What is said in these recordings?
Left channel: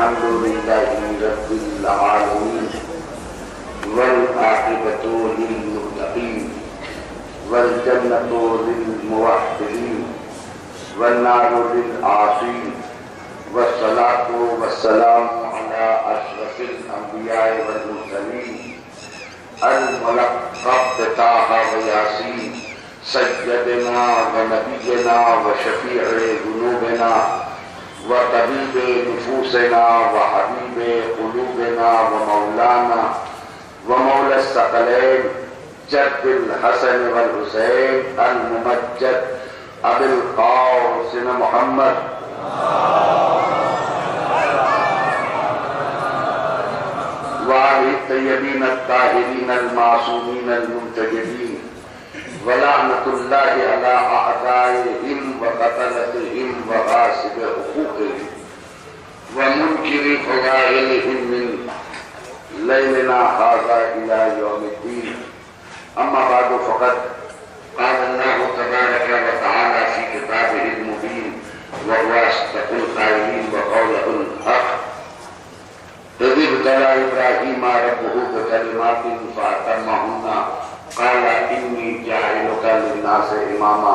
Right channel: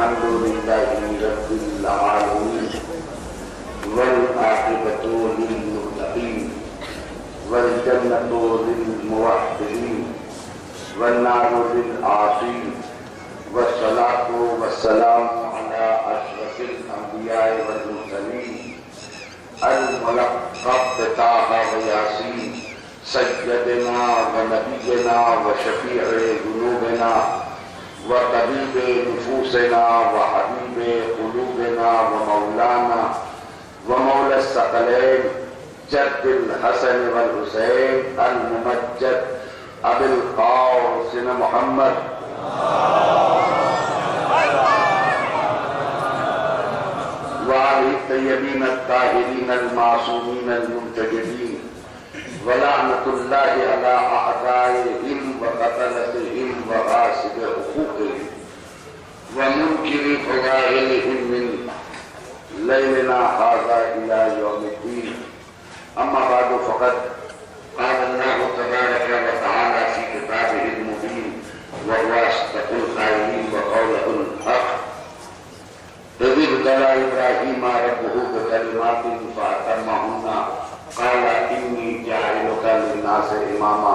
الحمد لله رب العالمين والعاقبة للمتقين والجنة للموحدين والنار للعاصين والصلاة والسلام على أشرف الأنبياء والمرسلين الملقب بطه وياسين سيدنا ونبينا وشفيع ذنوبنا وطبيب نفوسنا وحبيب قلوبنا ومولانا ومولى الثقلين جد الحسن والحسين الممجد أبي القاسم محمد وآل الطيبين الطاهرين المعصومين المنتجبين ولعنة الله على أعدائهم وقتلتهم وغاصب حقوقهم ومنكر فضائلهم من ليلنا هذا إلى يوم الدين. أما بعد فقد قال الله تبارك وتعالى في كتابه المبين وهو أصدق القائلين وقوله الحق إذ ابتلى إبراهيم ربه بكلمات فأتمهن قال إني جاعلك للناس إماما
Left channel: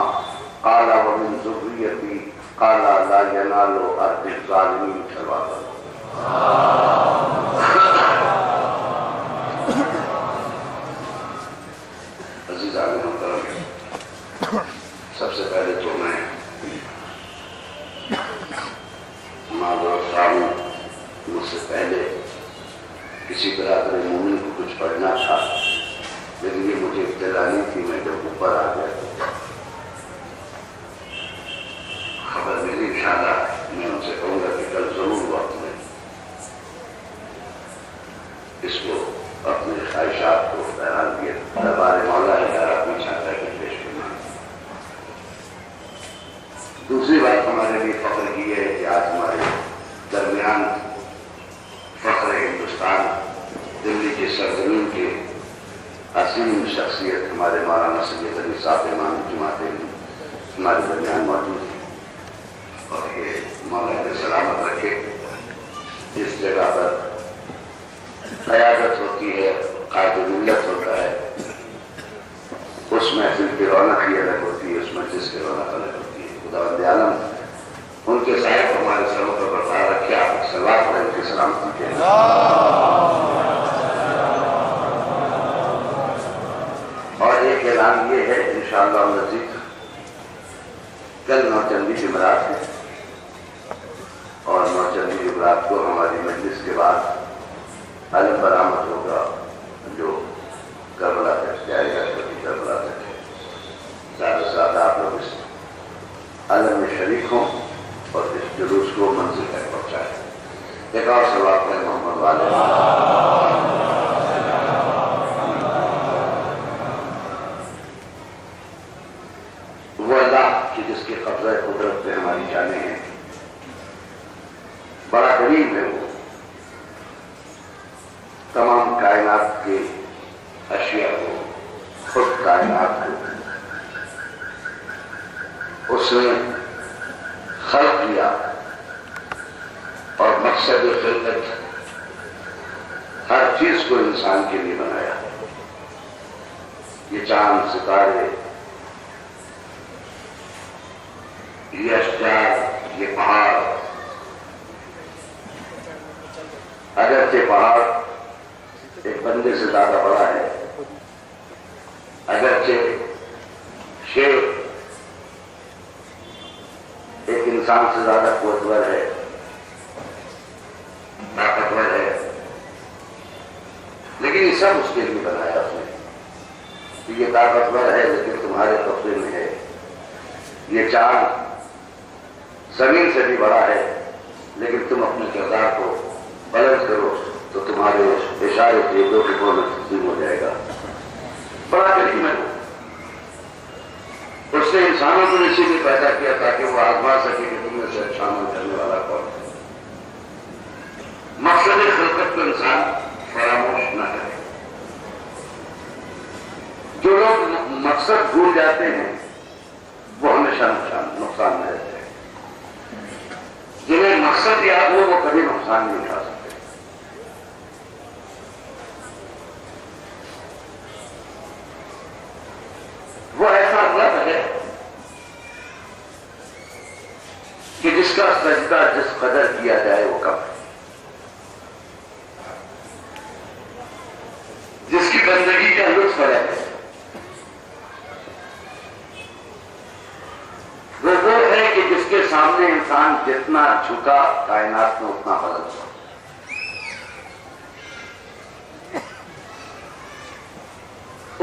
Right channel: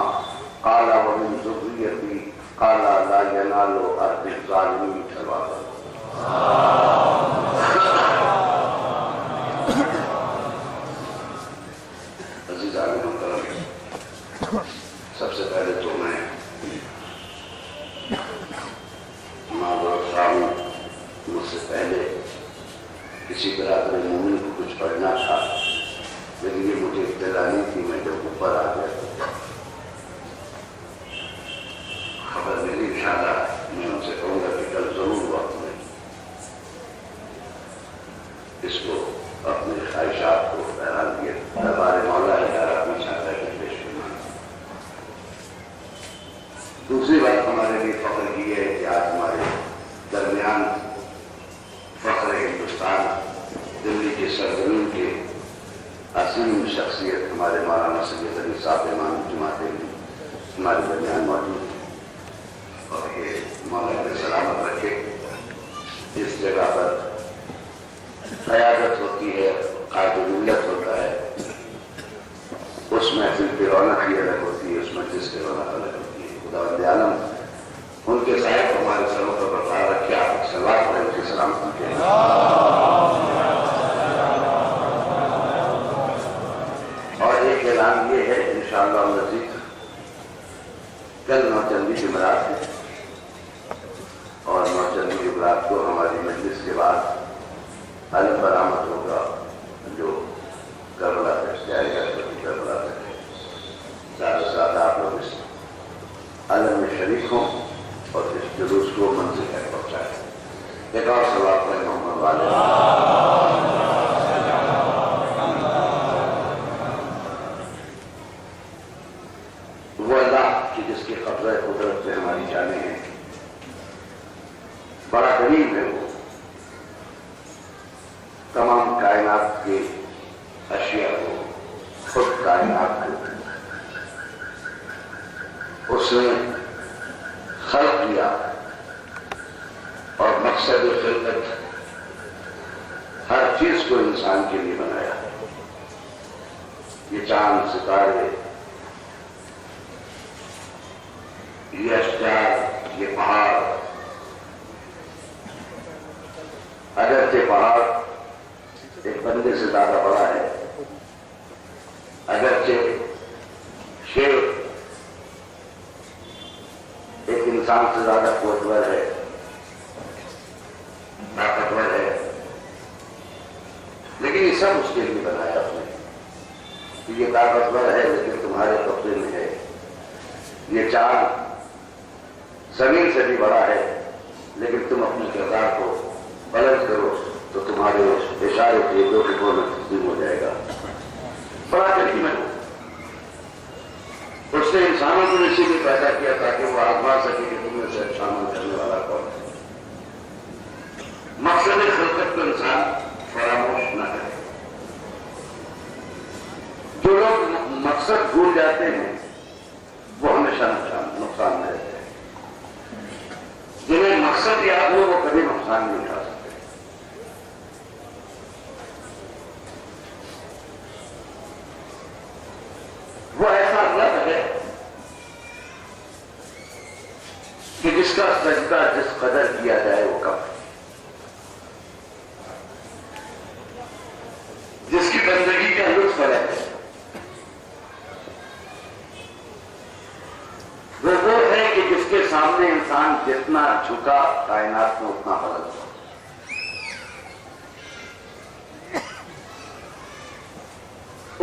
قال ومن ذريتي قال لا ينال أرض الظالمين. عزیزان محترم، سب سے پہلے تو میں معذرت خواہ ہوں، مجھ سے پہلے کسی برادر مومن کو کچھ پڑھنا تھا لیکن یہ مجھے اطلاع نہیں تھی. میں جب اوپر آ گیا خبر ملی انشاءاللہ میں ان سے کہوں گا کہ کل ضرور وقت میں اس کو اپنے خواہشات کو بہرحال دیا دربار مولا اپنی چھاتا کے پیش کرنا. دوسری بات ہمارے لیے فخر کی ہے کہ آج ہمارے درمیان فخر ہندوستان دلی کے سرزمین کے عظیم شخصیت ہمارے مولانا سید علی صاحب امام جماعت ہمارے درمیان موجود ہیں اور یہ مولا نے سلامت رکھے. اس جگہ پر قیادت ہوتی ہے، قائد ملت ہوتا ہے، اس محفل کی رونق ہی الگ ہوتی ہے، اس مجلس کی رونق الگ ہوتی ہے. خداوند عالم ان کے صاحب ہمارے سروں پر برقرار رکھے. آپ سلوات پڑھیں، ان کی سلامتی کے اور ایک اعلان یہ ہے انشاءاللہ مزید کل نوچندی جمعرات ہے اور نوچندی جمعرات کو ہماری مجلس کے بعد علم برآمد ہوگا جو کربلا تک جائے گا. کربلا تک زیادہ سے زیادہ آپ لوگ اس علم میں شریک ہوں اور اس جلوس کو منزل تک پہنچائیں. ایک اور سوال ہے محمد والے وہ اللہ کی جس کے قبضہ قدرت پہ ہماری جانیں ہیں، بڑا قریب ہے. وہ تمام کائنات کے اشیاء کو، خود کائنات کو اس نے خلق کیا اور مقصد خلقت ہر چیز کو انسان کے لیے بنایا. یہ چاند، ستارے، یہ اشجار، یہ پہاڑ، اگرچہ پہاڑ ایک بندے سے زیادہ بڑا ہے، اگرچہ شیر ایک انسان سے زیادہ قوتور ہے، طاقتور ہے، لیکن یہ سب اس کے لیے بنایا اس نے کہ یہ طاقتور ہے لیکن تمہارے قبضے میں ہے. یہ چاند زمین سے بھی بڑا ہے لیکن تم اپنے کردار کو بلند کرو تو تمہارے اشارے کے دو ٹکڑوں میں تقسیم ہو جائے گا. بڑا کریم ہے. اس نے انسانوں کو اسی لیے پیدا کیا تاکہ وہ آزما سکے کہ تم میں سے اچھا عمل کرنے والا کون ہے. مقصد خلقت کو انسان فراموش نہ کرے. جو لوگ مقصد بھول جاتے ہیں وہ ہمیشہ نقصان میں رہتے ہیں. جنہیں مقصد یاد ہو وہ کبھی نقصان نقصان نہیں اٹھا سکتے. وہ ایسا رب ہے کہ جس کا سجدہ جس قدر کیا جائے وہ کم ہے، جس کی بندگی کا لطف ہے. وہ ہے کہ جس کے سامنے انسان جتنا جھکا کائنات میں اتنا بلند ہوا.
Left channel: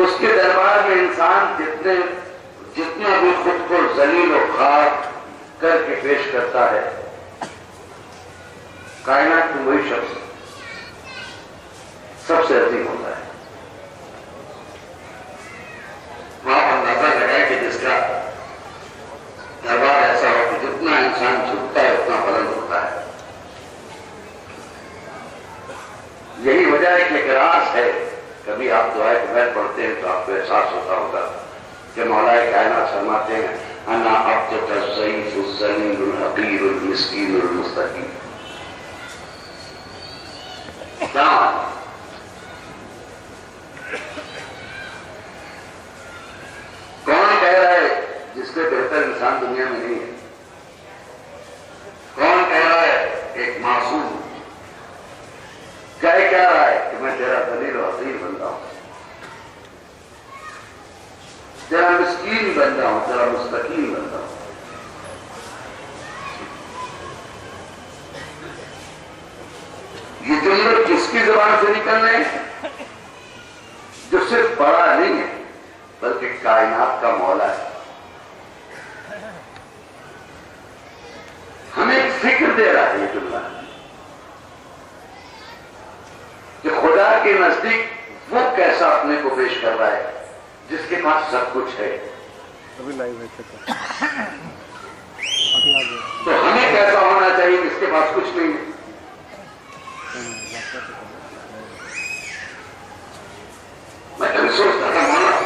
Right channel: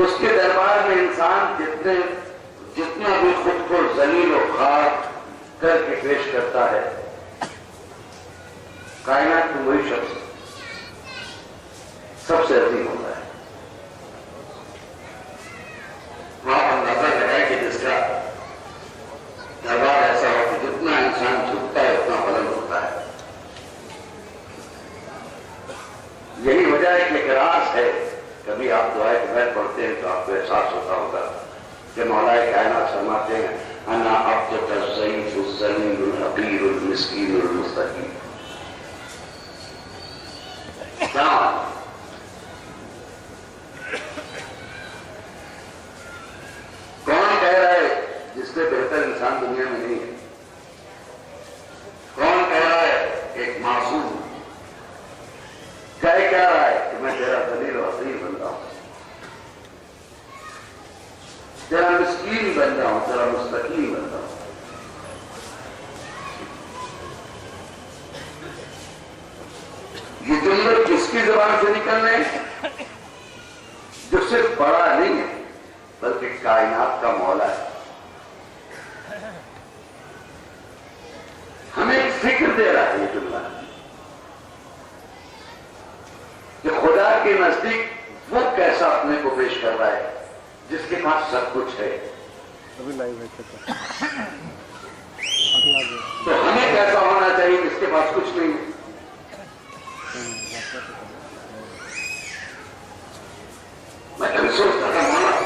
اس کے دربار میں انسان جتنا بھی خود کو ذلیل و خوار کر کے پیش کرتا ہے، کائنات میں وہی شخص سب سے عظیم ہوتا ہے. وہاں اندازہ لگائے کہ جس کا دربار ایسا ہو کہ جتنا انسان جھکتا ہے اتنا بلند ہوتا ہے. یہی وجہ ہے کہ ایک راز ہے. کبھی آپ دعائے قبیر پڑھتے ہیں تو آپ کو احساس ہوتا ہوگا کہ مولا کائنات فرماتے ہیں انا عبدک الضعیف الذلیل الحقیر المسکین المستقیم. کیا کون کہہ رہا ہے جس سے بہتر انسان دنیا میں نہیں ہے؟ کون کہہ رہا ہے؟ ایک معصوم کہہ رہا ہے کہ میں تیرا ذلیل و حقیر بندہ ہوں، تیرا مسکین بندہ ہوں، تیرا مستقیم بندہ ہوں. یہ جملے کس کی زبان سے نکل رہے ہیں؟ جو صرف بڑا نہیں ہے بلکہ کائنات کا مولا ہے. ہمیں ایک فکر دے رہا ہے یہ جملہ کہ خدا کے نزدیک وہ کیسا اپنے کو پیش کر رہا ہے جس کے پاس سب کچھ ہے. تو ہمیں کیسا ہونا چاہیے جس کے پاس کچھ نہیں ہے؟ میں کبھی سوچتا تھا مولا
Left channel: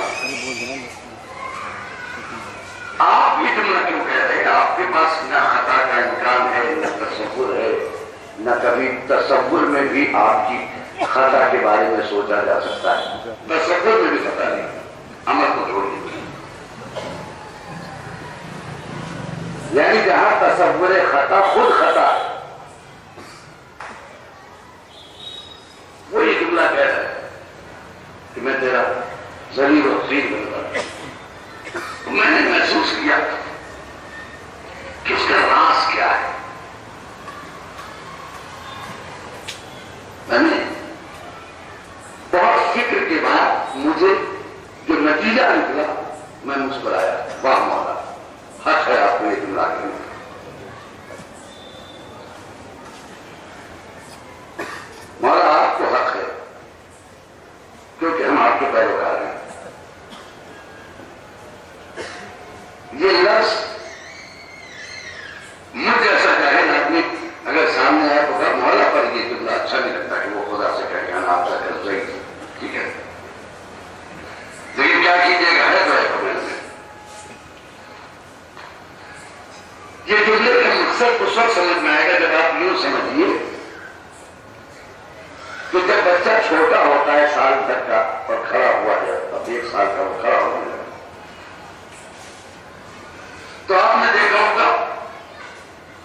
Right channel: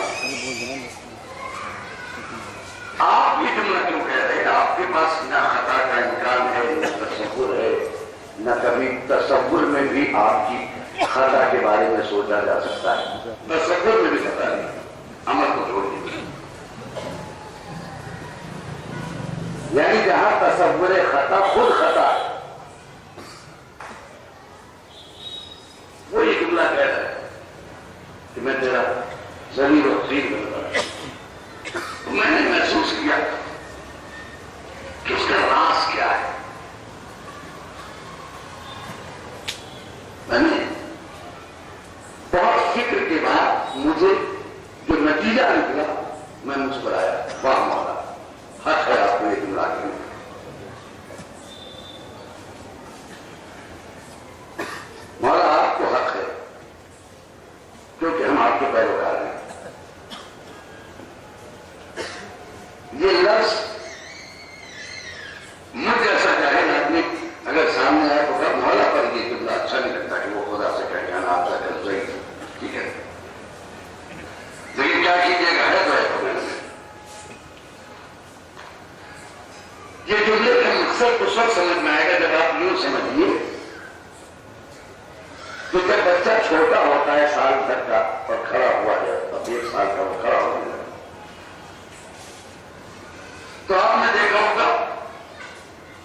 آپ یہ جملہ کیوں کہہ رہے ہیں؟ آپ کے پاس نہ خطا کا امکان ہے، نہ تصور ہے، نہ کبھی تصور میں بھی آپ کی خطا کے بارے میں سوچا جا سکتا ہے. تصور میں بھی خطا نہیں، عمل کو چھوڑ دیجیے. یعنی جہاں تصور خطا خود خطا ہے، وہ یہ جملہ کہہ رہا ہے کہ میں تیرا ذلیل و حقیر بندہ ہوں. میں نے محسوس کیا کہ اس کا راز کیا ہے. میں نے بہت فکر کے بعد مجھے جو نتیجہ نکلا میں مسکرایا. واہ مولا، حق ہے آپ کو یہ جملہ کہنے. مولا آپ کو حق ہے کیونکہ ہم آپ کے پیروکار ہیں. یہ لفظ مجھ جیسا جاہل آدمی اگر سامنے آئے تو کہا مولا پر یہ جملہ اچھا نہیں لگتا کہ وہ خدا سے کہہ کہ آپ کا کر ضعیف. ٹھیک ہے، لیکن کیا کیجیے گا، ہے تو ہے قبول میں. یہ جملے کا مقصد اس وقت سمجھ میں آئے گا جب آپ یوں سمجھیے کہ جب بچہ چھوٹا ہوتا ہے سال تک کا اور کھڑا ہوا ہے، اب 1 سال کا وہ کھڑا ہونے لگا، تو آپ نے دیکھا ہوگا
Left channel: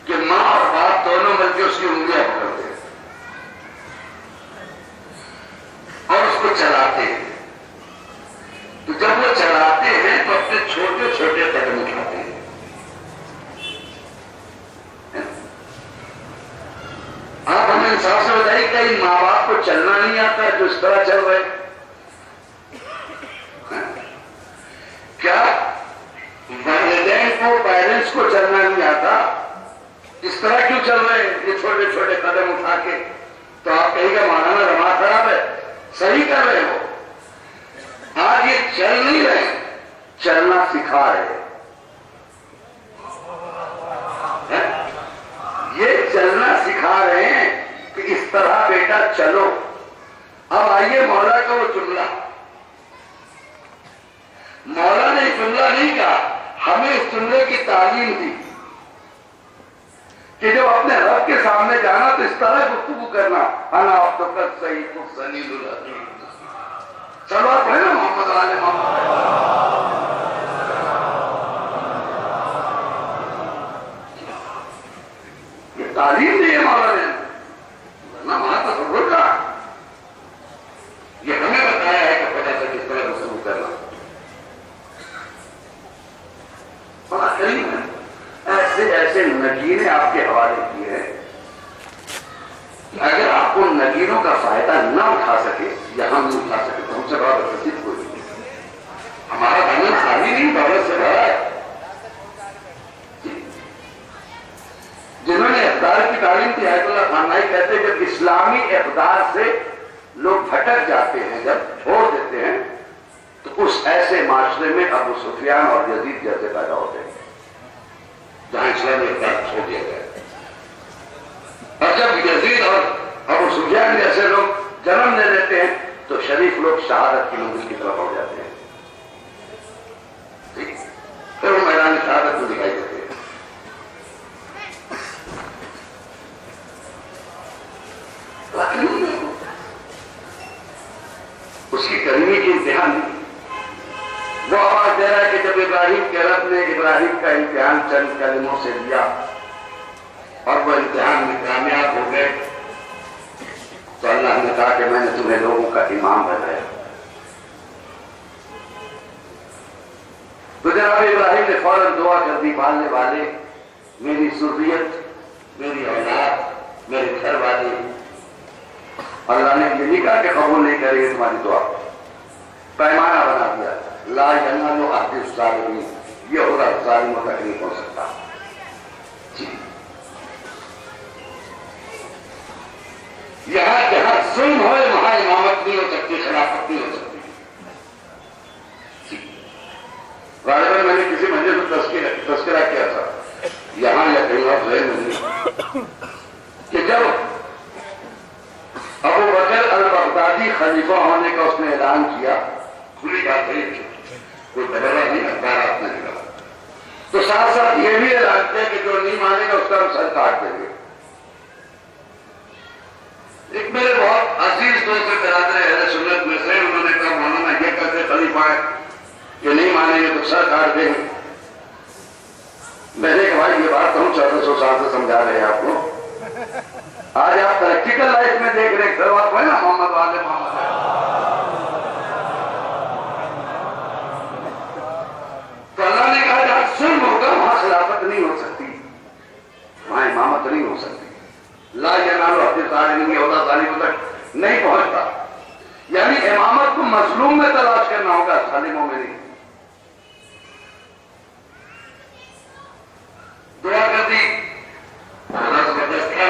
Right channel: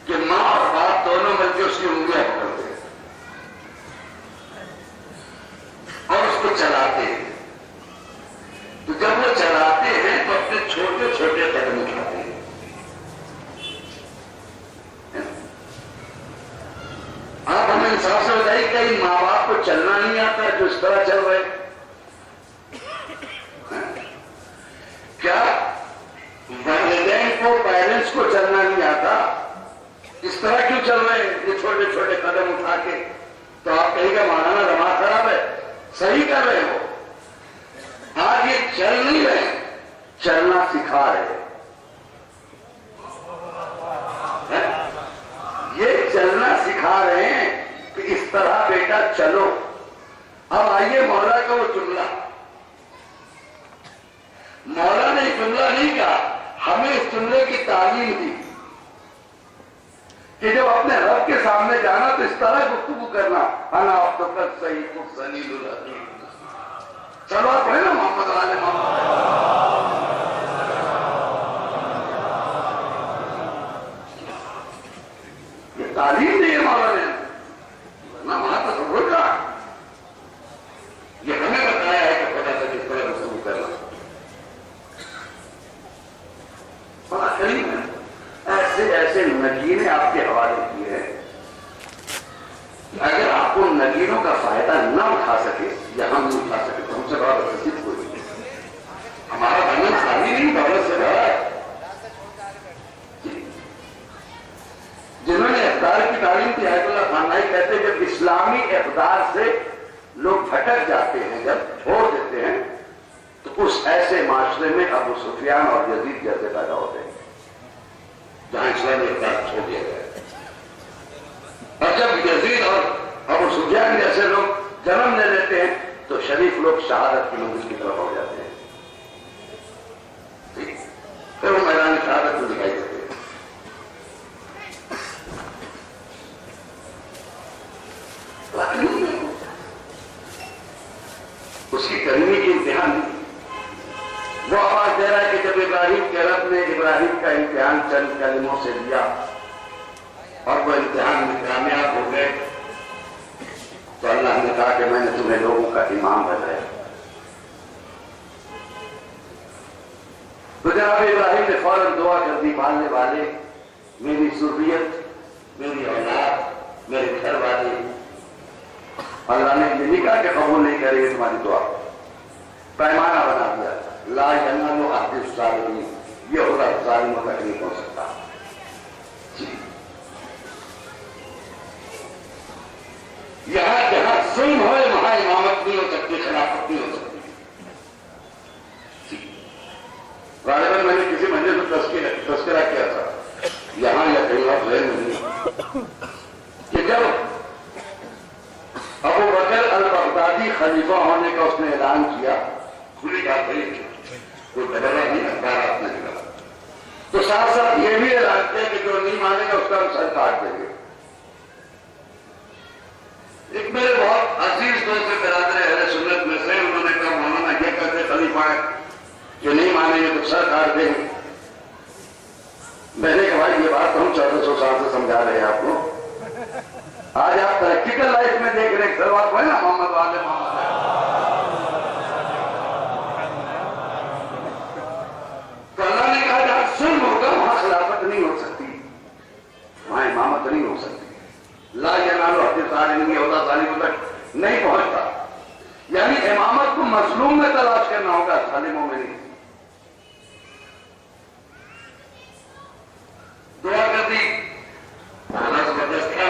کہ ماں اور باپ دونوں مل کے اس کی انگلیاں پکڑتے ہیں اور اس کو چلاتے ہیں. تو جب وہ چلاتے ہیں تو اپنے چھوٹے چھوٹے قدم اٹھاتے ہیں. آپ ہمیں انصاف سے بتائیے کہ ان ماں باپ کو چلنا نہیں آتا جو اس طرح چل رہے؟ کیا والدین کو، پیرنٹس کو چلنا نہیں آتا؟ اس طرح کیوں چل رہے ہیں یہ چھوٹے چھوٹے قدم اٹھا کے؟ تو آپ کہیں گے مولانا دماغ خراب ہے. صحیح کر رہے ہو. آج یہ چل نہیں رہے، چلنا سکھا رہے. یہ چلنا سکھا رہے ہیں کہ اس طرح بیٹا چلو. اب آئیے مولا کا وہ جملہ. مولا نے جملہ نہیں کہا، ہمیں اس جملے کی تعلیم دی کہ جب اپنے رب کے سامنے جانا تو اس طرح گفتگو کرنا، انا عبدک السیف السلیل العظیم، صلوات پڑھیں نا محمد علی محمد۔ یہ تعلیم دی ہے مولا نے، ورنہ وہاں تصور کا یہ ہمیں بتایا ہے کہ خدا سے کس طرح گفتگو کرنا۔ بڑا کریم ہے، ایسے ایسے نگینے آپ کے حوالے کیے ہیں، اگر آپ کو نگینوں کا فائدہ نہ اٹھا سکے یا ہم نہیں اٹھا سکے تو ہم سے بڑا بدنصیب کوئی نہیں۔ ہمارا دامن خالی نہیں، دولت سے بھرا ہے۔ جنہوں نے اقدار کی تعلیم دی، آیت اللہ خامنائی کہتے ہیں جب اسلامی اقدار سے لوگ بھٹک جاتے ہیں، جب چھوڑ دیتے ہیں تو اس ایسے معاشرے میں ابو سفیان اور یزید جیسے پیدا ہوتے ہیں جہاں اسلامی اقدار چھوڑ دیا گیا۔ اور جب یزید اور ابو سفیان جیسے لوگ جنم لے لیتے ہیں تو شریف لوگ شہادت کی منزل کی طرف ہو جاتے ہیں، پھر وہ میدان شہادت میں دکھائی دیتے ہیں۔ اس کی کریمی کی امتحان نہیں، وہ آواز دے رہا ہے کہ جب ابراہیم کے رب نے ابراہیم کا امتحان چند کلموں سے لیا اور وہ امتحان میں کامیاب ہو گئے تو اللہ نے کہا کہ میں نے تمہیں لوگوں کا امام بنایا۔ تو جناب ابراہیم نے فوراً دعا کر دی، ماننے والے میری ذریت، میری اولاد، میرے گھر والے، اللہ نے یہ نہیں کہا کہ قبول نہیں کرے گی تمہاری دعا، پیمانہ بنا دیا، لا ینال عہد الظالمین، یہ ہوگا ظالموں تک نہیں پہنچ سکتا۔ یہاں جہاں ظلم ہوئے وہاں امامت نہیں ہو سکتی، خلافت نہیں ہو سکتی۔ غالباً میں نے کسی مجلس میں تذکرہ کیا تھا، یہاں یا کہیں اور ذہن میں نہیں، کہ جب ابو بکر البغدادی خلیفہ ہونے کا اس نے اعلان کیا، کھلی بات ہے، کوئی بدلا نہیں، اخبارات نہیں لگا، تو ساتھ ساتھ یہ بھی اعلان کیا کہ جو نہیں مانے گا اس کا ہم سر کاٹ دیں گے۔ ایک میرے بہت عزیز دوست برادر اہل سنت میں سے، انہوں نے کہا مولانا یہ کہتے خلیفہ ہے کہ نہیں مانیں گے تو سر کاٹ دیں گے۔ میں نے کہا بھائی یہ بات ہم 1400 سال سے سمجھا رہے ہیں آپ کو، آج آپ پریکٹیکل لائف میں دیکھ رہے ہیں، سلوات پڑھیں نا محمد والے محمد۔ تو اللہ نے کہا جہاں ظلم ہوگا وہاں خلافت نہیں ہو سکتی، وہاں امامت نہیں ہو سکتی، لا ینال عہد الظالمین، یہ ہوتا ظالموں تک نہیں پہنچتا، یعنی امامت کو مظلوم میں تلاش کرنا ہوگا، ظالموں میں نہیں۔ دعا کر دی، بڑا زبردست تھا،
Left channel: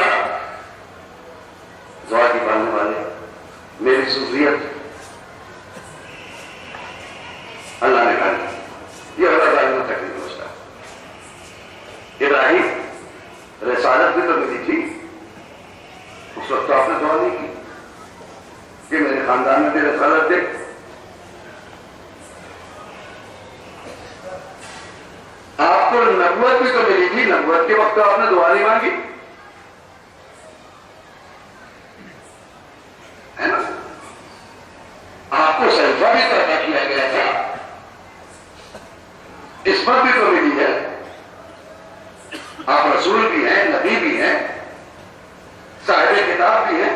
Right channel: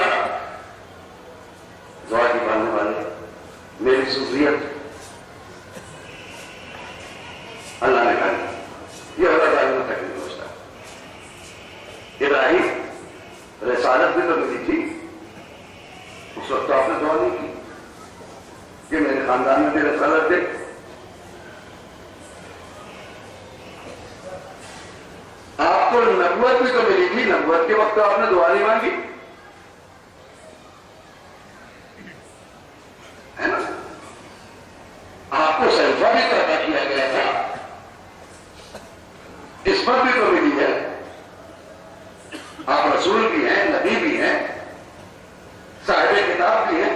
دعا کی پڑھنے والے میری ذریت، اللہ نے کہا یہ ہوگا ظالموں تک نہیں پہنچتا۔ ابراہیم رسالت بھی تو ملی تھی، اس وقت تو آپ نے دعا نہیں کی کہ میرے خاندان میں بھی رسالت دے۔ آپ کو نبوت بھی تو ملی تھی، نبوت کے وقت تو آپ نے دعا نہیں مانگی، ہے نا؟ آپ کو سلفہ بھی پیدا کیا گیا تھا، اس پر بھی تو ملی ہے، آپ رسول بھی ہیں، نبی بھی ہیں، صاحب کتاب بھی ہیں،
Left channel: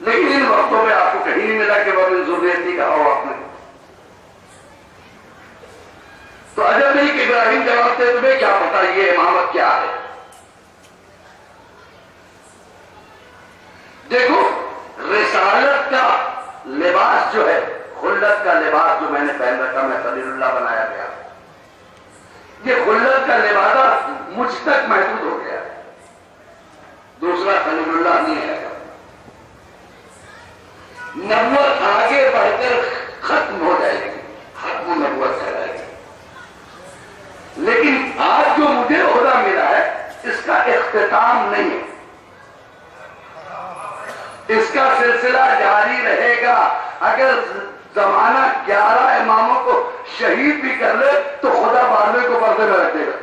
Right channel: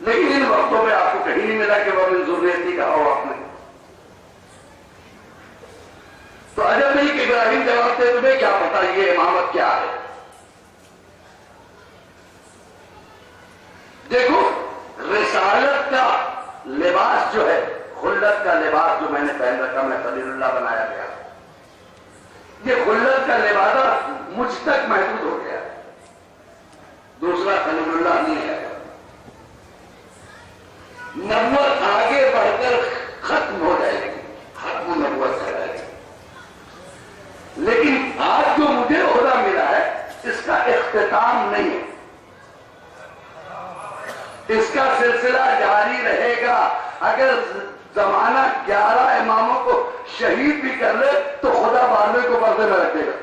لیکن ان وقتوں میں آپ کو کہیں نہیں ملا کہ وہ من ذریتی کہا ہو آپ نے۔ تو عجب نہیں کہ ابراہیم جواب دے تمہیں کیا پتا یہ امامت کیا ہے۔ دیکھو رسالت کا لباس جو ہے، خلت کا لباس جو میں نے پہن رکھا، میں خلیل اللہ بنایا گیا، یہ خلت کا لباس مجھ تک محدود ہو گیا، دوسرا خلیل اللہ نہیں ہے۔ نبوت آگے بڑھ کر ختم ہو جائے گی، ختم نبوت کر جائے گی، لیکن آج جو مجھے عہدہ ملا ہے اس کا اختتام نہیں ہے، اس کا سلسلہ جاری رہے گا۔ اگر زمانہ 11 اماموں کو شہید بھی کر لے تو خدا بارہویں کو پردے میں رکھ دے گا۔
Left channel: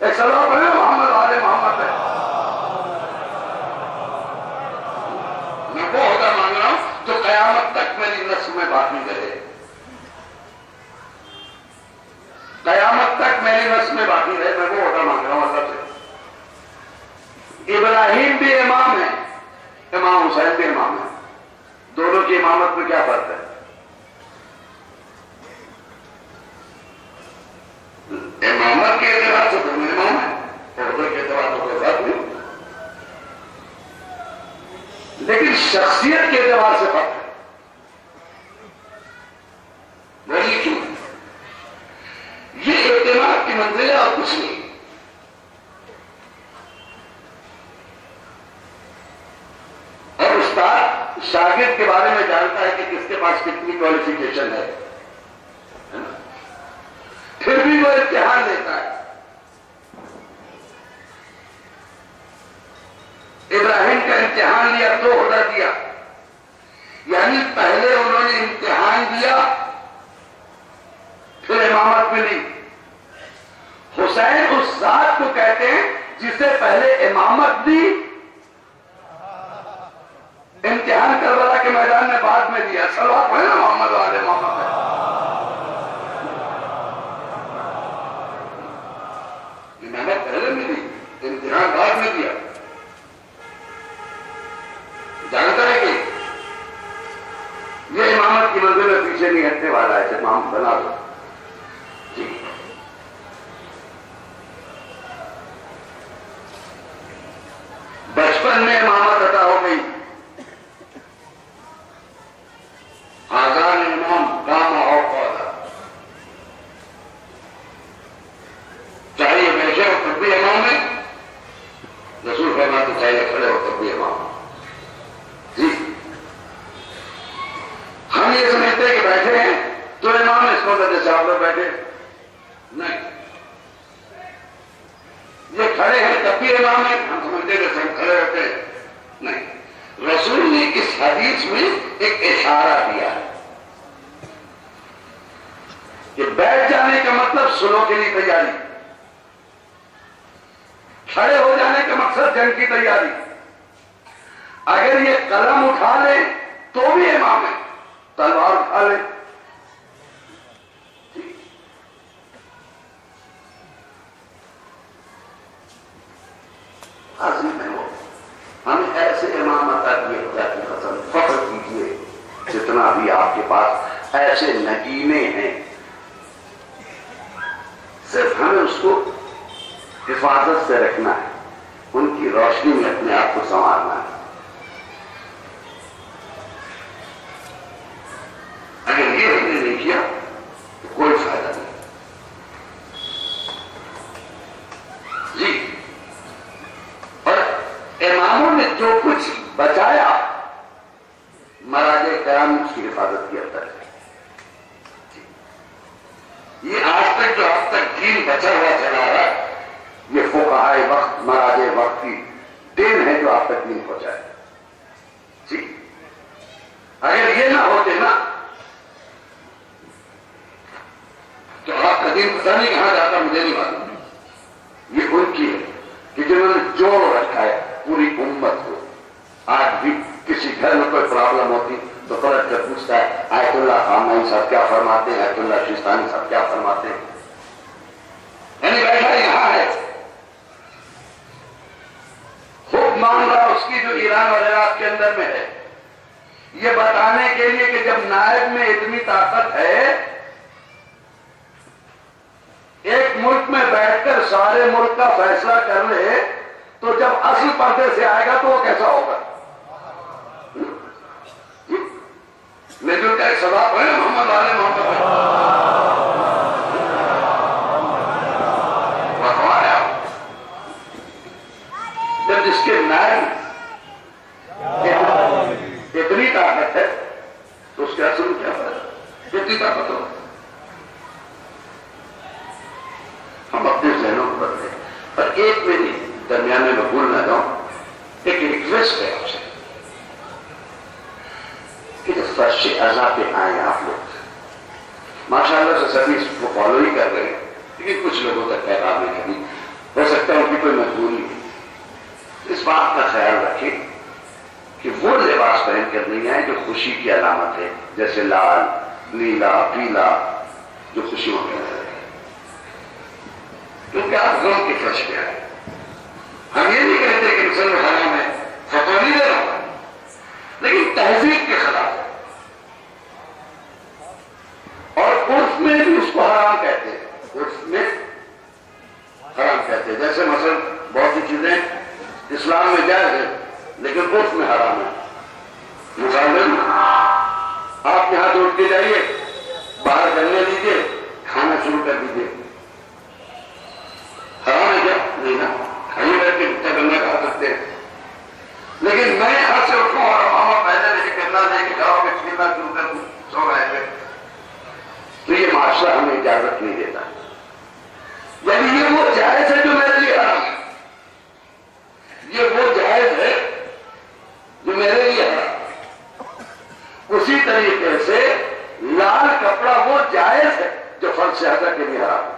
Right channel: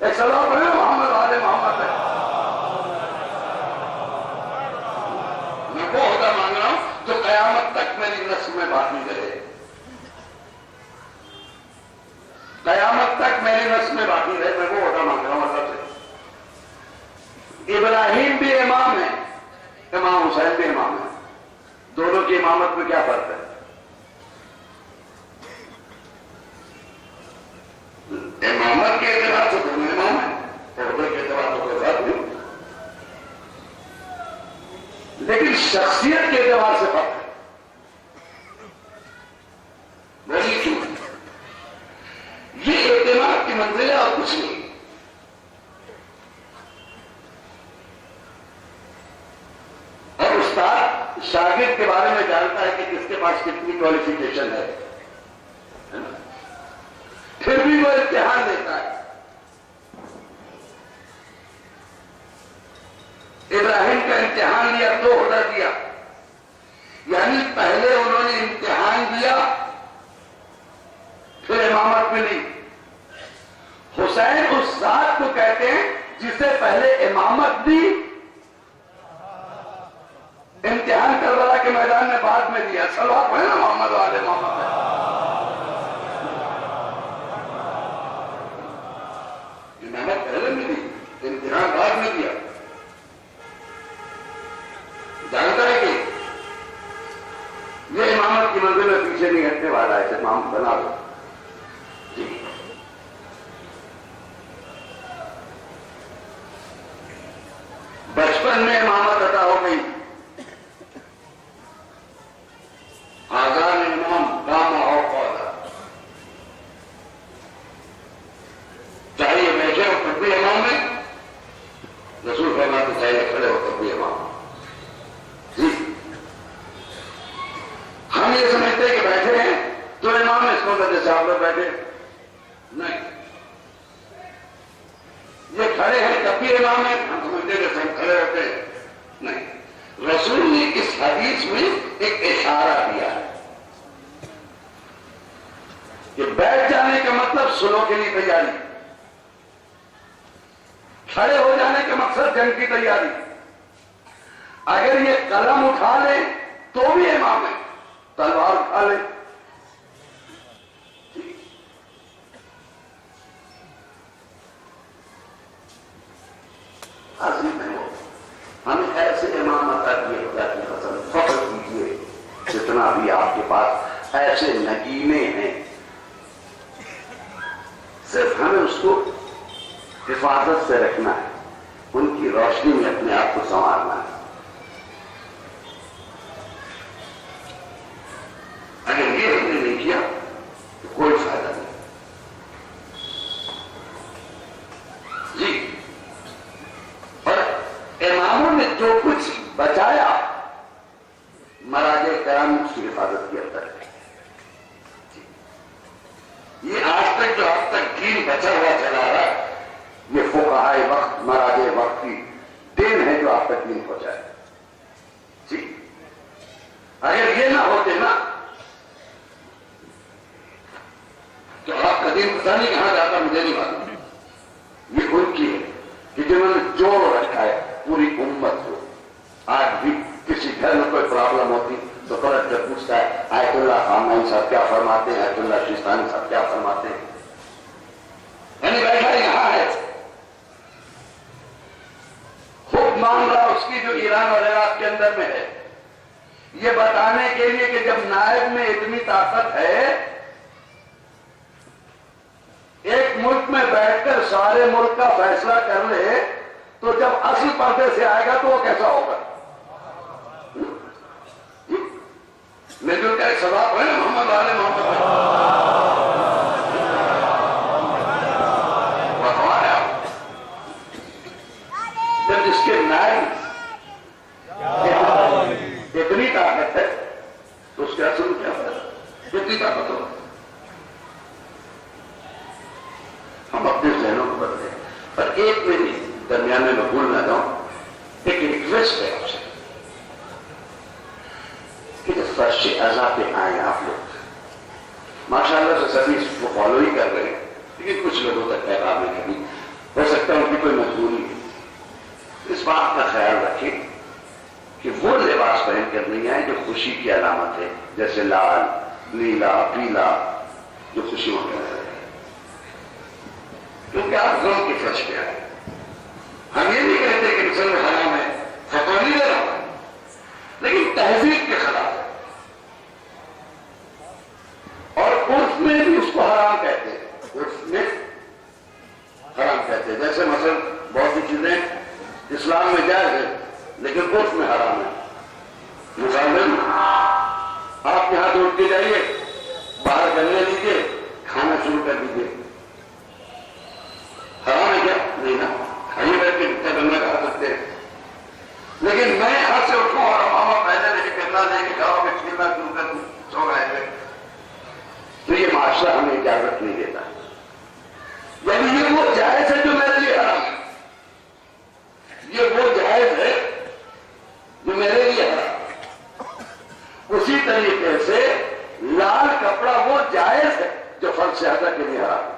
ایک سلام پڑھے محمد والے محمد ہے. میں وہ عہدہ مانگ رہا ہوں جو قیامت تک میری نسل میں باقی رہے. قیامت تک میری نسل میں باقی رہے. میں وہ عہدہ مانگ رہا ہوں اللہ سے. ابراہیم بھی امام ہے, امام حسین بھی امام ہے. دونوں کی امامت میں کیا فرق ہے؟ امامت کے اعتبار سے دونوں امام ہیں, عہدے کے اعتبار سے کوئی فرق نہیں, لیکن شخصیت کے اعتبار سے فرق ہے. وہی کیوں یہ اعتماد کی منزل ہے اور کچھ نہیں. اور استاد شاگرد کے بارے میں جانتا ہے کہ کس کے پاس کتنی کوالیفیکیشن ہے, پھر بھی وہ امتحان دیتا ہے. ابراہیم کا امتحان لیا تو عہدہ دیا, یعنی پہلے انہوں نے امتحان دیا پھر امامت ملی. حسین اس ذات کو کہتے ہیں جسے پہلے امامت دی, امتحان کربلا کے میدان میں بعد میں دیا. صلوات پڑھیں نا محمد والے محمد ہے. امامت پہلے میں دی, امتحان بعد میں دیا. جانتا ہے کہ یہ امامت کی منزل میں پیچھے نہیں ہٹنے والا ہے, امام بنا دو. بچپن میں امامت عطا ہو گئی. آزان امام داما اور پودا, چاہے یہ بیٹھے ہو تب بھی امام ہے. رسول فرماتے چاہیے کھڑے ہو تب بھی امام. جی ہم یہ سمجھتے ہیں کہ بیٹھے ہیں تو امام اس کو جیسے آپ لوگ بیٹھے نہیں, یہ کھڑے ہیں تب بھی امام ہے. ہم سمجھتے جیسے ہم کھڑے ہوتے ہیں نہیں. رسول نے اس حدیث میں ایک اشارہ دیا ہے کہ بیٹھ جانے کا مطلب سلو کے لیے تیاری, کھڑے ہو جانے کا مقصد جنگ کی تیاری. اگر یہ قلم اٹھا لے تو بھی امام ہے, تلوار اٹھا لے. عظیم ہے وہ. ہمیں ایسے امام عطا کیے خدا کی قسم, فخر کیجیے جتنا بھی آپ کے پاس ایسے نگینے ہیں, صرف ہمیں اس کو حفاظت سے رکھنا ہے, ان کی روشنی میں اپنے آپ کو سنوارنا ہے. اگر یہ ہم نے نہیں کیا تو کوئی فائدہ نہیں. جی اور اماموں نے جو کچھ بچایا مراجع کرام اس کی حفاظت کی اب تک. یہ آج تک جو اب تک دین بچا ہوا چلا رہا ہے, یہ فقہائے وقت مراجع وقت کی دین ہے جو آپ تک دین پہنچائے. جی اگر یہ نہ ہوتے نا تو آپ کا دین پتہ نہیں کہاں جاتا, مجھے نہیں معلوم. یہ ان کی ہے کہ جنہوں نے جوڑ رکھا ہے پوری امت کو. آج بھی کسی گھر میں کوئی پرابلم ہوتی تو پلٹ کر پوچھتا ہے آیت اللہ خامنئی صاحب کیا فرماتے ہیں, آیت اللہ شیستانی صاحب کیا فرماتے ہیں. یعنی بیٹھا یہاں ہے, خود مان رہا اس کی جو ایران اور عراق کے اندر میں ہے, یہ بتانے کے لیے کہ جب نائب میں اتنی طاقت ہے, ایک ملک میں بیٹھ کر سارے ملک کا فیصلہ کر لے, تو جب اصل پردے سے آئے گا تو وہ کیسا ہوگا. کا ایک سباب ہے محمد والے محمد جب جس کے نائب اتنی طاقت ہے تو اس کے اصل کیا ہے, اتنی طاقت ہو. ہم اپنے ذہنوں کو بدلے. پر ایک میری درمیان میں بھول نہ جاؤں, ایک ریکویسٹ ہے آپ سے کہ جب فرش اعضاء پہ آئیں آپ لوگ, ماشاء اللہ سے سبھی اس کو فالو ہی کر رہے ہیں, لیکن کچھ لوگوں تک پیغام نہیں. ہو سکتا ہے ان کی کوئی مجبوری ہے. اس بات کا خیال رکھیں کہ وہ لباس پہن کر نہیں آئے جو خوشی کی علامت ہے، جیسے لال، نیلا، پیلا، جو خوشیوں کا ہے، کیونکہ آپ غم کے فرش پہ آئے. ہم یہ نہیں کہتے کہ مسلم حرام ہے، فتویٰ نہیں دے رہا ہوں، لیکن تہذیب کے خلاف ہے. اور عرف میں بھی اس کو حرام کہتے ہیں، عرف میں حرام کہتے ہیں. جیسے مثلا بہت سی چیزیں اسلام میں جائز ہے لیکن عرف میں حرام ہے. مثلاً آپ یہاں سے اٹھ کے جائیے، باہر کرنے لیجیے، کھانا شروع کر دیجیے. حرام ہے کیا؟ نہیں نا، کھائیے بیٹھ کے جتنا کرنا کھا سکتے ہیں. لیکن میں یہاں سے اٹھوں اور ماما پہلے لے کے کرنا لے کے کھاؤ کہ کھیلنا شروع کر دوں سو رہے تھے، تو یہ معاشرہ ہمیں اجازت نہیں دیتا. یعنی یہ وہ جائز ہے جو میرے لیے حرام ہے، یہ وہ جائز ہے جو میرے لیے حرام. اسی طریقے سے لال کپڑا وہ جائز ہے جو فرض شہادہ کے لیے حرام ہے.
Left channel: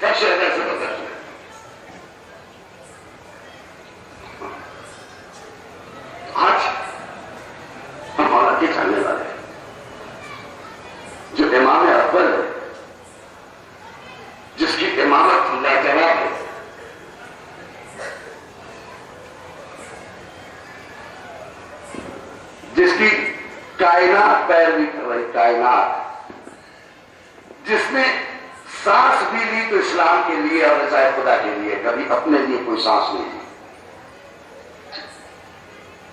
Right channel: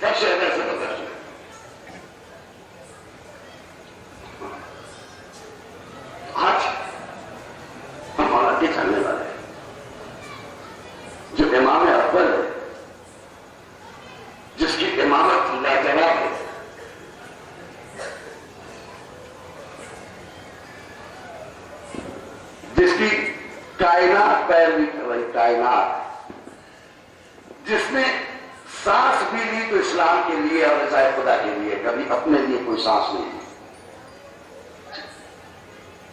فرض شہادہ سے بدل ہے. آج ہم مولا کے چاہنے والے ہیں جو امام اکبر ہے، جس کی امامت لاجواب ہے، جس کی کائنات پیروی کر رہی، کائنات، جس نے سانس بھی لی تو اسلام کے لیے اور رضائے خدا کے لیے، کبھی اپنے لیے کوئی سانس نہیں لی،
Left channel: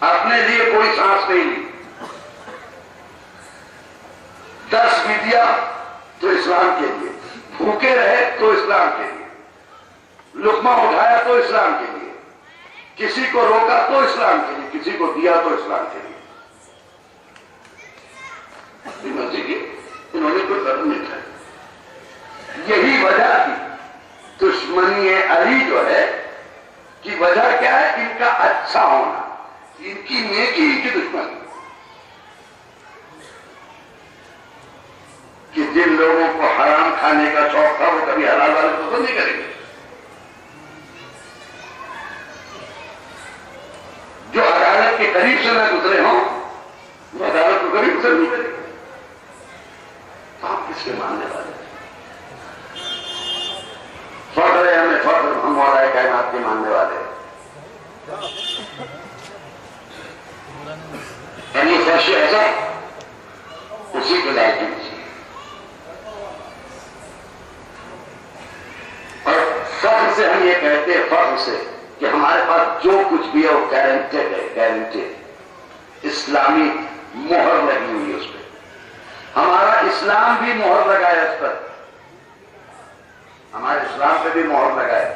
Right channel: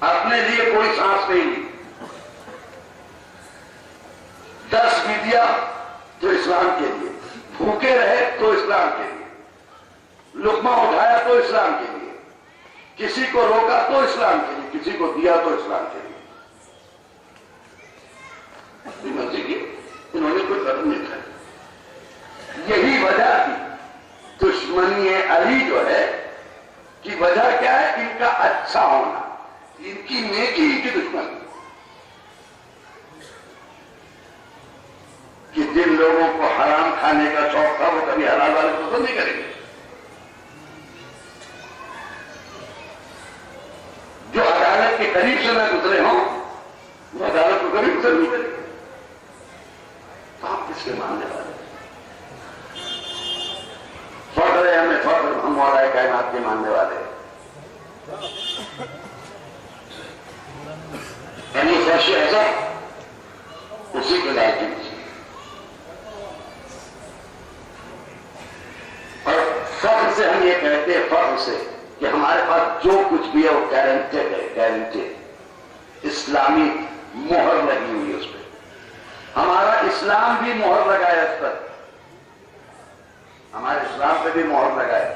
اپنے لیے کوئی سانس نہیں لی. 10 بھی دیا تو اسلام کے لیے، بھوکے رہے تو اسلام کے لیے، لقمہ اٹھایا تو اسلام کے لیے، کسی کو روکا تو اسلام کے لیے، کسی کو دیا تو اسلام کے لیے. مرضی کی انہوں نے کوئی قدم نہیں اٹھایا. یہی وجہ تھی دشمنی علی جو ہے کی وجہ کیا ہے؟ ان کا اچھا ہونا، ان کی نیکی، ان کی دشمنی. کہ جن لوگوں کو حرام کھانے کا شوق تھا وہ کبھی حلال والے کو نہیں کریں گے. جو عدالت کے قریب سے نہ گزرے ہوں وہ عدالت کو کبھی گزر نہیں کریں گے. آپ کس کے ماننے والے ہیں؟ فخر ہے ہمیں، فخر ہم مولا کائنات کے ماننے والے ہیں. یعنی فرش ایسا اسی کو لائق کی. اور فخر سے ہم یہ کہتے ہیں، فخر سے کہ ہمارے پاس جو کچھ بھی ہے وہ گارنٹیڈ ہے، گارنٹیڈ. اسلامی مہر لگی ہوئی ہے اس پہ، ہمارا اسلام بھی مہر لگایا اس پر، ہمارے اسلام پہ بھی مہر لگایا.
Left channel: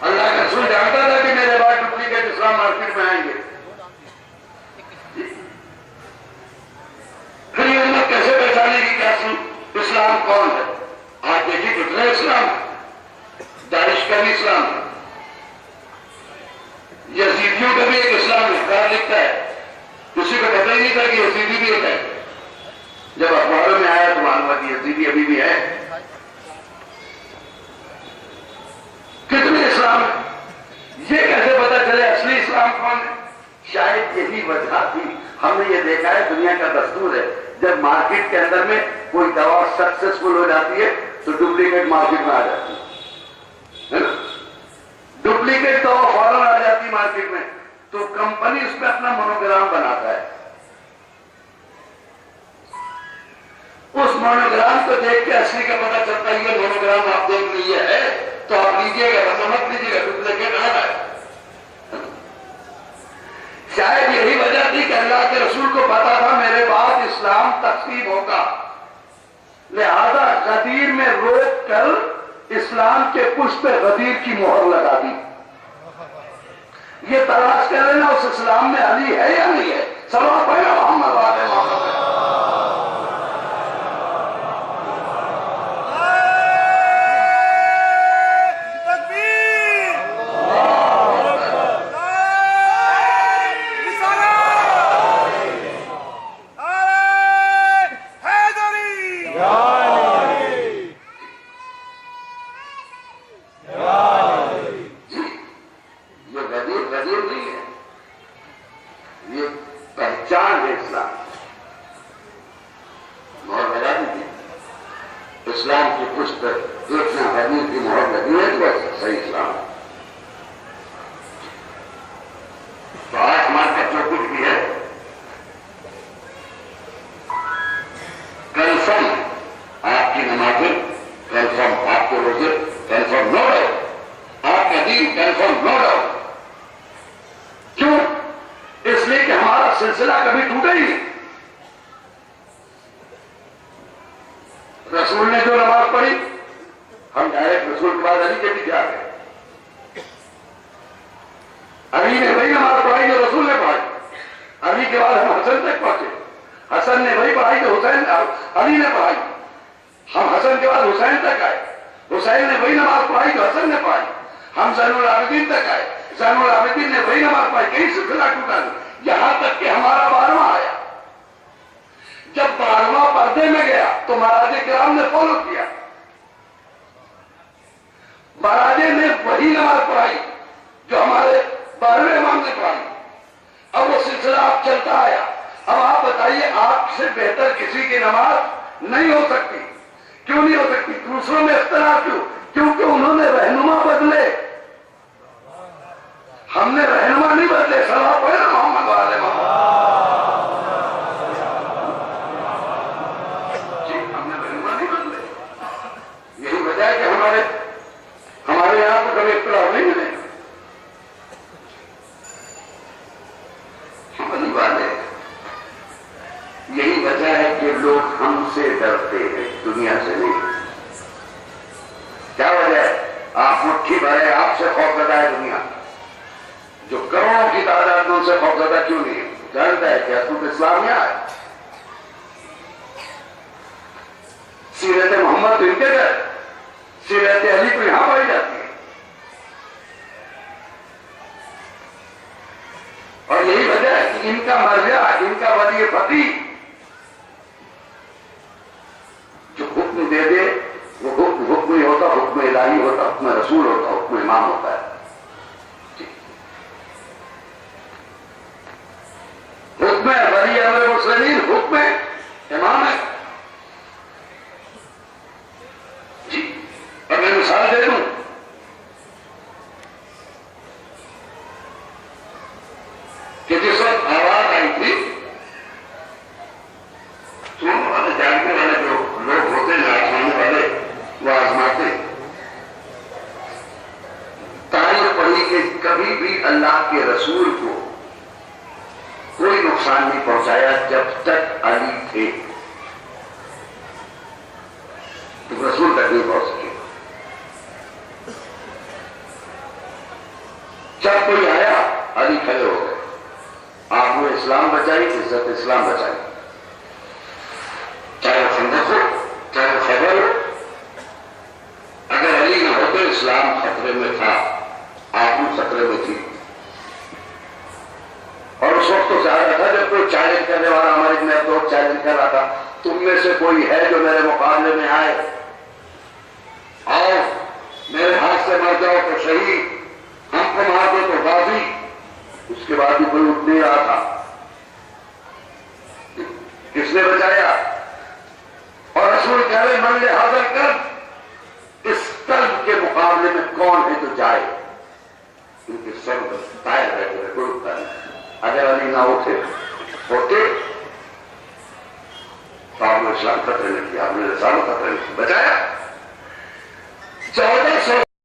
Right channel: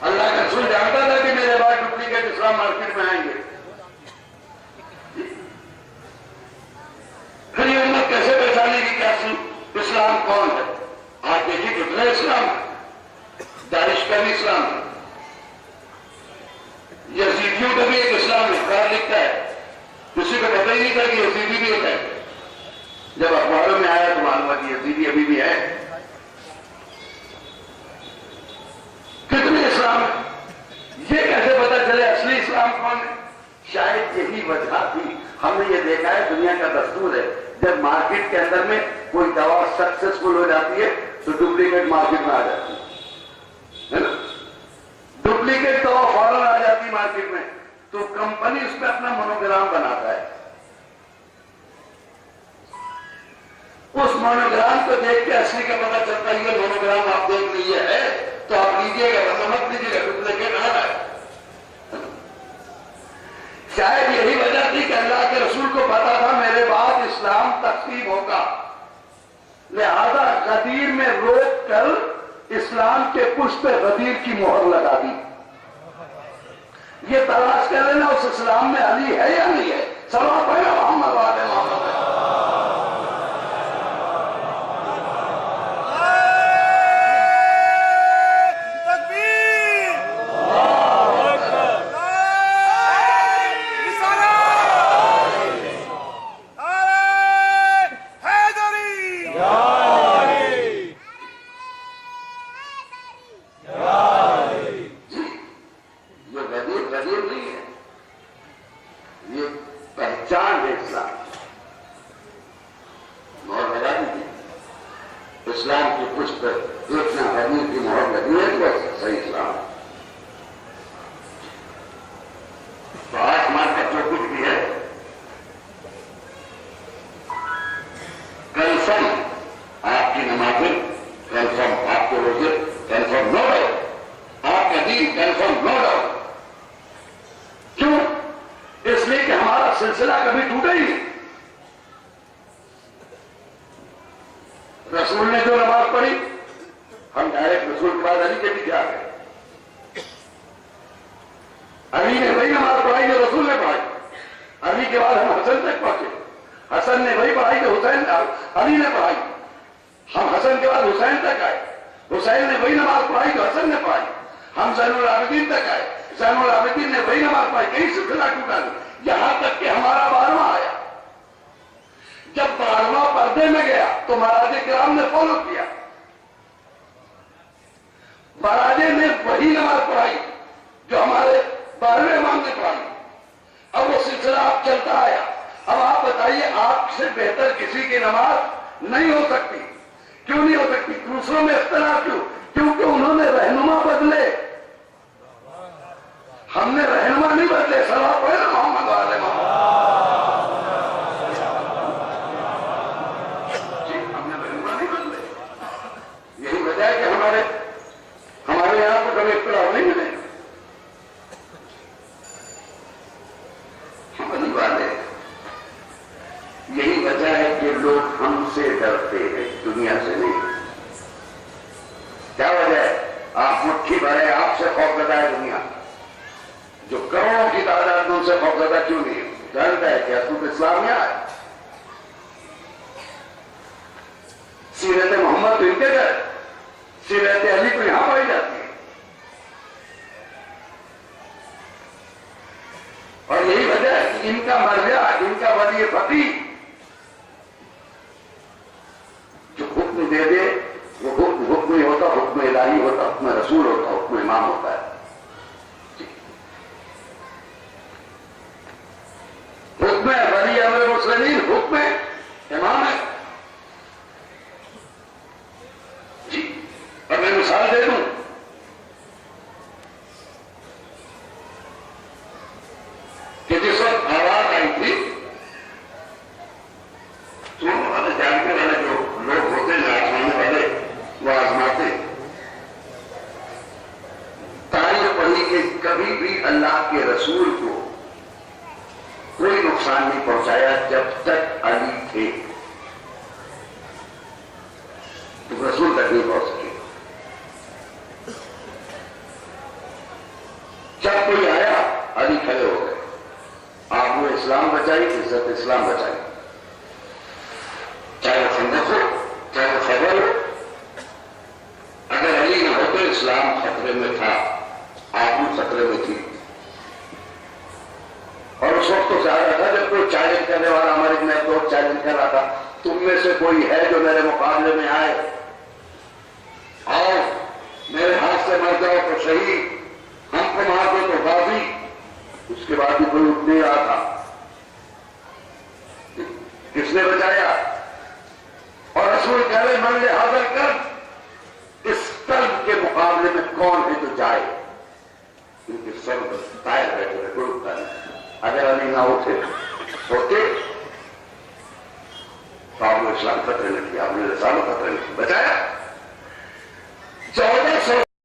اللہ کا رسول جانتا تھا کہ میرے بعد ڈپلیکیٹ اسلام مارکیٹ میں آئیں گے. پھر یہ امت کیسے پہچانے کی کیا اسلام کون ہے؟ آج دیکھیے کتنے اسلام ہے، داعش کا بھی اسلام ہے، یزیدیوں کا بھی ایک اسلام اخبار لکھتا ہے، کسی کو پتہ ہی نہیں تھا کہ یزیدی بھی ایک ہے. جب اخباروں میں آیا تو معلوم ہوا کہ یزیدی ابھی بھی ہے. کتنے اسلام ہے، یہ کیسے پتا چلے اصلی اسلام کون ہے؟ شاید یہی وجہ تھی. ہم نے یہ دیکھا ہے، دنیا کا دستور ہے، جب مارکیٹ کے اندر میں کوئی دوا سکسیسفل ہو جاتی ہے تو ڈپلیکیٹ مارکیٹ میں آ جاتی ہے نا. ڈپلیکیٹ دوا فوراً آ جاتی مارکیٹ میں تو کمپنی اس پہ اپنا مونوگرام بناتا ہے. اس مونوگرام کو دیکھ کے اصلی کا پتہ چلتا ہے. یہ مونوگرام آپ دیکھ لیجیے ہے تو آپ لیجیے گا، ورنہ مت لیجیے گا، ڈپلیکیٹ آ رہا ہے. شاید یہی وجہ تھی کہ اللہ کے رسول کو پتا تھا میرے بعد اسلام تقسیم ہوگا، لہذا غدیر میں روک کر اسلام کے پشت پہ غدیر کی مہر لگا دی. یہ تلاش کر لینا اس اسلام میں علی ہے یا نہیں ہے. سلام پڑھیں محمد والے محمد. یہ پہچان ہے اسلام، مہر لگا دیجیے اسلام کی پشت پر اتنا حدیث کی مہر لگی ہے تو بس صحیح اسلام ہے۔ تو آج ہمارے پاس جو کچھ بھی ہے کنفرم، آپ کی نمازیں کنفرم، آپ کے روزے کنفرم، نو ڈاؤٹ، آپ کا دین کنفرم، نو ڈاؤٹ۔ کیوں؟ اس لیے کہ ہمارا سلسلہ کبھی ٹوٹا ہی نہیں۔ رسول نے جو نماز پڑھی ہم ڈائریکٹ رسول کے بعد علی کے پیچھے آ گئے، علی نے وہی نماز پڑھائی جو رسول نے پڑھائی، علی کے بعد ہم حسن تک پہنچے، حسن نے وہی پڑھائی جو حسین علی نے پڑھائی، ہم حسن کے بعد حسین تک آئے، حسین نے وہی نماز پڑھائی جو حسن نے پڑھائی، ہم زین العابدین تک آئے، زین العابدین نے وہی نماز پڑھائی، کہیں سلسلہ ٹوٹا نہیں، یہاں تک کہ ہمارا 12واں آیا۔ جب 12واں پردے میں گیا تو مہاراج کرام نے فالو کیا، مہاراجے نے وہی نماز پڑھائی جو ہمارے 12ویں امام نے پڑھائی۔ اب وہ سلسلہ آپ چلتا آیا۔ اب آپ بتائیے آپ سے بہتر کسی کی نماز نہیں ہو سکتی۔ کیوں نہیں ہو سکتی؟ دوسروں میں اختلاف کیوں؟ کیونکہ انہوں نے رہنما بدلے، ہم نے رہنما نہیں بدلے۔ صلاح پڑھے نا محمد والے محمد جی، ہم نے رہنما نہیں بدلے۔ یہی وجہ ہے کہ ہمارے یہاں کو کبھی اختلاف نہیں ملے۔ یہی وجہ ہے کہ لوگ ہم سے ڈرتے ہیں، دنیا سے نہیں۔ کیا وجہ ہے؟ آپ مٹھی بھرے، آپ سے خوفزدہ ہے دنیا، جو کروڑوں کی تعداد میں ان سے خوفزدہ کیوں نہیں ہے؟ جانتا ہے کہ حضرت اسلام میں آئے، سیرت محمد تو ان کے گھر، سیرت علی تو یہاں پائی جاتی ہے۔ اور یہی وجہ ہے کہ ان کا مرجع، ان کا ولی فقیہ جو حکم دے دے وہ حکم ہی ہوتا، حکم الہی ہوتا، حکم رسول ہوتا، حکم امام ہوتا ہے۔ حکم ولی امر مسلمین، حکم امام ہے جی۔ اور میں مثال دے دوں، کہ جس وقت آواز آئی تھی، سننے والے جاننے والے جو لوگ ہوتے ہیں آزمانے والے، وہ آزماتے، تاریخ پڑھی کہ کبھی بھی اللہ کے رسول کو کوئی نقصان نہیں پہنچایا جب تک علی تھے، تو رسول تک نہیں پہنچ سکے۔ جب کوئی آیا علی کھڑے ہو گئے، آپ نے اسلام بچائی، عزت اسلام بچائی، چاہے وہ خندق ہو، چاہے وہ خیبر ہو۔ اگر علی نہ ہوتے اسلام خطرے میں تھا، آپ بھی خطرے میں تھی۔ اور اس وقت تو ظاہر تھا جب کوئی چیلنج کرنے والا، ہمارے میں تو چیلنج کر رہا تھا، تم میں سے کوئی ہے جو میرے مقابلے میں آئے، آؤ میرے ہاتھ سے مر جاؤ تو صحیح، ہم کو مار دو تو غازی۔ اس کے بعد بھی کوئی اٹھ نہیں رہا تھا۔ کس نے بچایا؟ اور رسول کہہ رہے من لے حاضر کر، اس قلب کے مقابلے میں کون ہے جو جائے؟ ان کے سب تائر بیٹھے رہے، کوئی اٹھتا نہیں۔ اگر علی نہ ہوتے تو آپ نے اسلام خطرے میں کیا، آپ نے رسالت خطرے میں بچایا۔ 14